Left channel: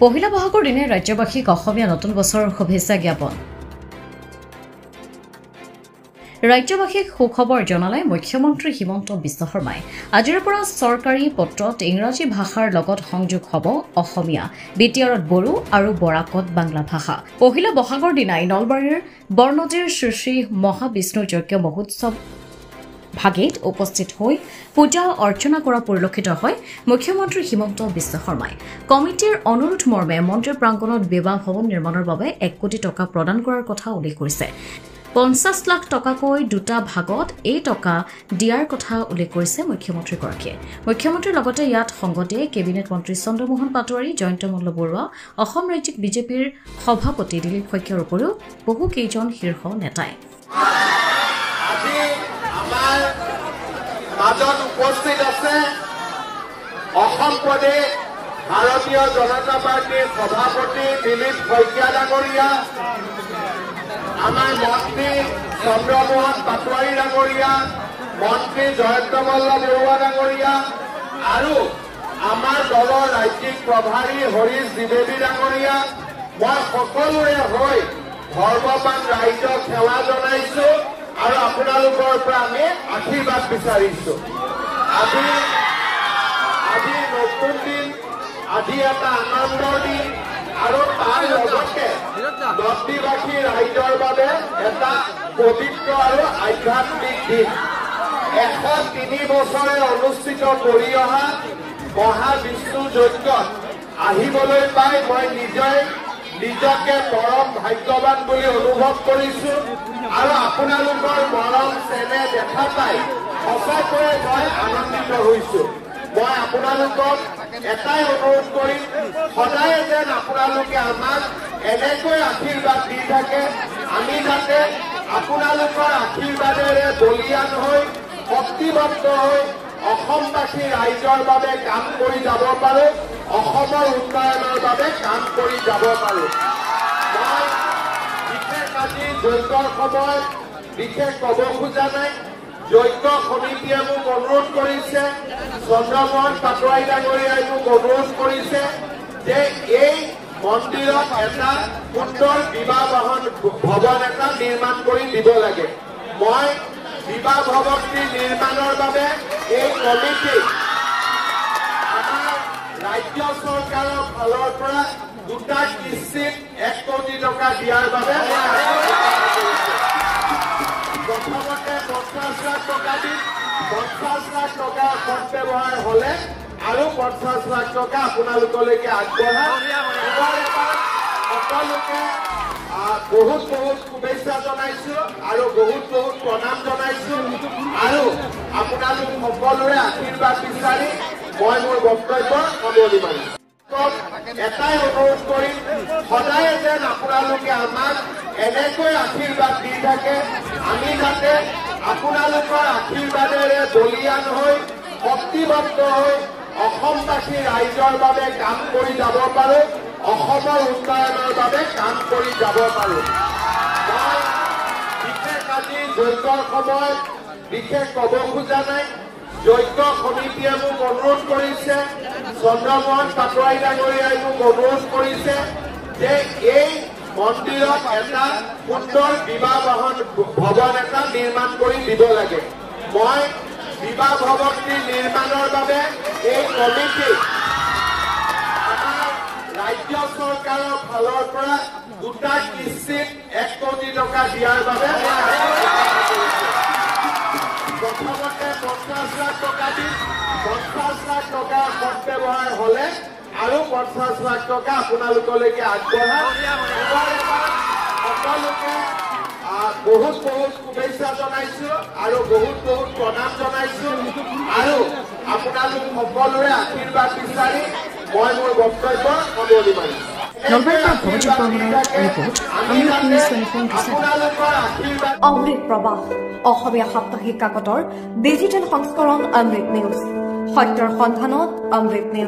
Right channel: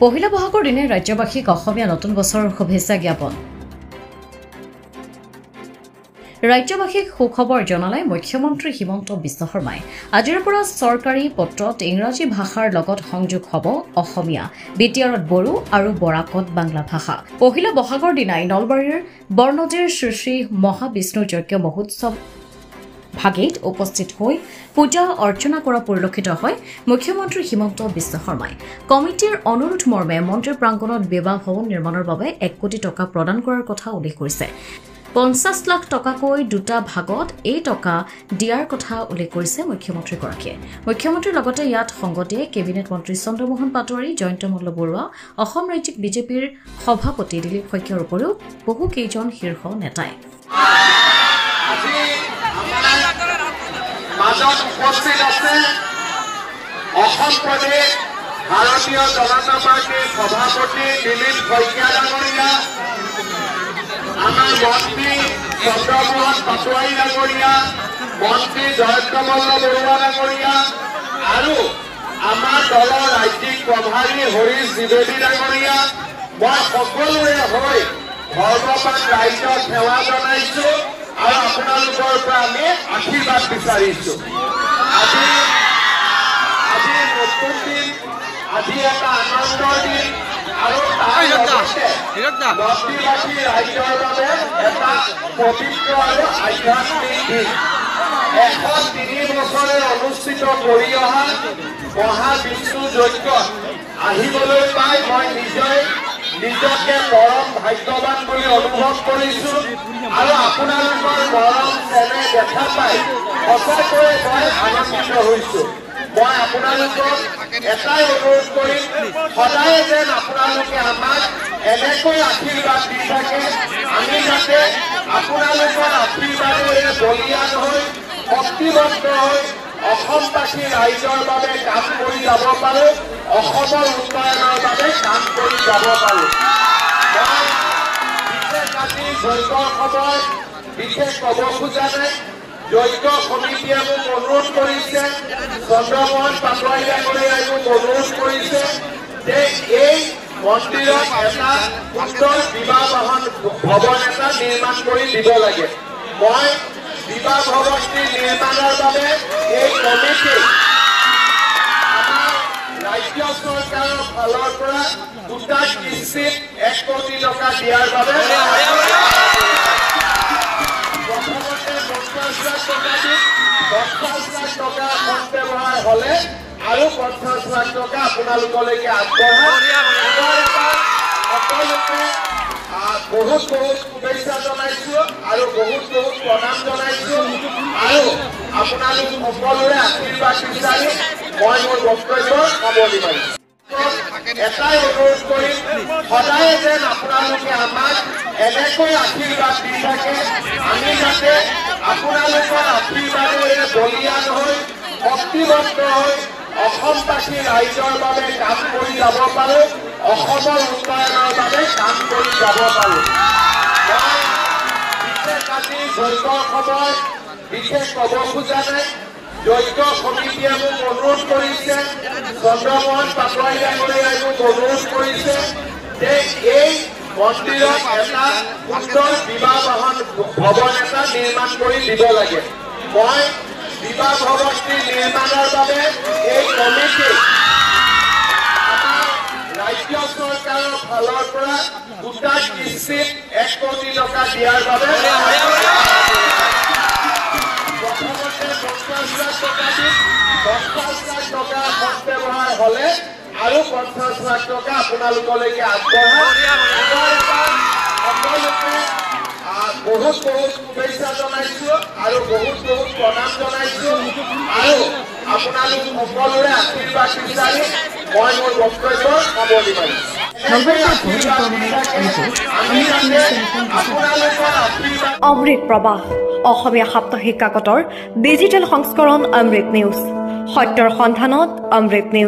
পহিলা বহাগৰ দিনে ৰাজ্যবাসীক অসমীয়া নতুন বছৰৰ শুভেচ্ছা জ্ঞাপন ৰাজ্যবাসীক সুখবৰ জনালে মুখ্যমন্ত্ৰী হিমন্ত বিশ্ব শৰ্মাই আজিৰ পৰা চৰকাৰী পত্ৰত ইংৰাজী ভাষাৰ লগত সংযোগ হ'ব অসমীয়া বিটিআৰত বড়ো আৰু বৰাকত বাংলা ভাষা পহিলা বহাগৰ দিনাই নলবাৰীৰ বৰ্ণজিৰ শ্ৰী মহাবিষ্ণু যজ্ঞ মহোৎসৱ ভাগিত উপস্থিত হৈ পূজা অৰ্চনা কৰা পৰিলক্ষিত হয় মুখ্যমন্ত্ৰী হিমন্ত বিশ্ব শৰ্মাই কমিটিৰ অনুৰোধ মৰ্মে মন্দিৰ প্ৰাংগণত বিবাহ ভৱন নিৰ্মাণৰ বাবে 1 কোটি টকা প্ৰদান কৰাৰ কথা উল্লেখ কৰিছে 50 লাখ টকাকৈ দুটা ভাগত এই টকা দিয়াৰ কথা উল্লেখ কৰিছে মুখ্যমন্ত্ৰীগৰাকীয়ে মুখ্যমন্ত্ৰীৰ লগতে ইয়াত সংগ দিয়ে কেবিনেট মন্ত্ৰী চন্দ্ৰমোহন পাটোৱাৰী জয়ন্ত মল্ল বৰুৱা অসম ৰাজ্যিক বিজেপিৰ সভাপতি দিলীপ শইকীয়াৰ উপৰিও বহু কেইজন শীৰ্ষ নেতাই মাজত উপস্থিত আছে অসম প্ৰদেশ ভাৰতীয় জনতা পাৰ্টিৰ সভাপতি দিলীপ শইকীয়া ডাঙৰীয়া আমাৰ মন্ত্ৰী চন্দ্ৰমোহন পাটোৱাৰী ডাঙৰীয়া মন্ত্ৰী জয়ন্ত মল্ল বৰুৱা ডাঙৰীয়া আৰু আমাৰ দলৰ ৰাজ্যিক প্ৰভাৰী হৰিশ দ্বিবেদী ডাঙৰীয়া মই সকলোৰে হৈ ভগৱান ৰাইজক সেৱা জনাইছো আৰু আপোনালোকৰ পৰা আমি আশীৰ্বাদ বিচাৰিছো আজি নতুন দিন আজি এটা আনন্দৰ দিন আৰু তাৰ লগতে নদীবাসী ৰাইজৰ বাবে এটা পবিত্ৰ আৰু আধ্যাত্মিক দিন 103 বছৰে অনুষ্ঠিত কৰি অহা মহাবিষ্ণু যজ্ঞত আহিবলৈ পাই মই নিজকে পৰম ভাগ্যৱান বুলি অনুভৱ কৰিছো আৰু আপোনালোকৰ মৰম চেনেহ দেখা পাই সঁচাকৈয়ে মই আনন্দিত হৈছো মই আপোনালোকক এটাই অনুৰোধ কৰিম সদায় যেন আপোনালোকে আমাক এনেকৈ আশীৰ্বাদ দি থাকে আমি যাতে আপোনালোকৰ আশীৰ্বাদেৰে বলীয়ান হৈ শক্তিবদ্ধ হৈ অসমবাসী ৰাইজৰ বাবে কাম কৰি যাব পাৰোঁ অসমৰ উন্নয়নৰ বাবে কাম কৰি যাব পাৰোঁ মই বিশেষ আজি যজ্ঞৰ সময় বিশেষ ক'ব খোজা নাই যজ্ঞ সমিতিয়ে মোক অনুৰোধ কৰিছে চন্দ্ৰমোহন পাটোৱাৰী ডাঙৰীয়াই মোক অনুৰোধ কৰিছে যে এই মন্দিৰত এটা সুন্দৰ বিবাহ ভৱন এটা নিৰ্মাণ কৰি দিব লাগে মই বিবাহ ভৱনটি নিৰ্মাণৰ বাবে এই কমিটি আমাৰ ৰাজ্য চৰকাৰৰ ফালৰ পৰা দুটা কিস্তিত 1 কোটি টকা দিয়াৰ বাবে প্ৰথমতে 50 লাখ টকা দি 50 লাখ টকা সৎ ব্যৱহাৰ হ'লে আৰু 50 লাখ টকা আপোনালোকলৈকে আগবঢ়াই সকলোকে বহুত শুভেচ্ছা জনাইছো আৰু বহুত প্ৰণাম জনাইছো আৰু আপোনালোক সকলোৰে আশীৰ্বাদ বিচাৰি মই মোৰ বক্তব্য সামৰণি মাৰিছো এটাই অনুৰোধ কৰিম সদায় যেন আপোনালোকে আমাক এনেকৈ আশীৰ্বাদ দি থাকে আমি যাতে আপোনালোকৰ আশীৰ্বাদেৰে বলীয়ান হৈ শক্তিবদ্ধ হৈ অসমবাসী ৰাইজৰ বাবে কাম কৰি যাব পাৰোঁ অসমৰ উন্নয়নৰ বাবে কাম কৰি যাব পাৰোঁ মই বিশেষ আজি যজ্ঞৰ সময় বিশেষ ক'ব খোজা নাই যজ্ঞ সমিতিয়ে মোক অনুৰোধ কৰিছে চন্দ্ৰমোহন পাটোৱাৰী ডাঙৰীয়াই মোক অনুৰোধ কৰিছে যে এই মন্দিৰত এটা সুন্দৰ বিবাহ ভৱন এটা নিৰ্মাণ কৰি দিব লাগে মই বিবাহ ভৱনটি নিৰ্মাণৰ বাবে এই কমিটি আমাৰ ৰাজ্য চৰকাৰৰ ফালৰ পৰা দুটা কিস্তিত 1 কোটি টকা দিয়াৰ বাবে প্ৰথমতে 50 লাখ টকা দি 50 লাখ টকা সৎ ব্যৱহাৰ হ'লে আৰু 50 লাখ টকা আপোনালোকলৈকে আগবঢ়াই সকলোকে বহুত শুভেচ্ছা জনাইছো আৰু বহুত প্ৰণাম জনাইছো আৰু আপোনালোক সকলোৰে আশীৰ্বাদ বিচাৰি মই মোৰ বক্তব্য সামৰণি মাৰিছো নলবাৰীৰ পৰা ভৱজিৎ বৰ্মনৰ ৰিপৰ্ট অমৃত প্ৰবাহ অসমীয়া সাপ্তাহিক কাকতৰ ডিজিটেল সংস্কৰণ অমৃত নিউজ সত্যৰ সন্ধানত অমৃত নিউজ।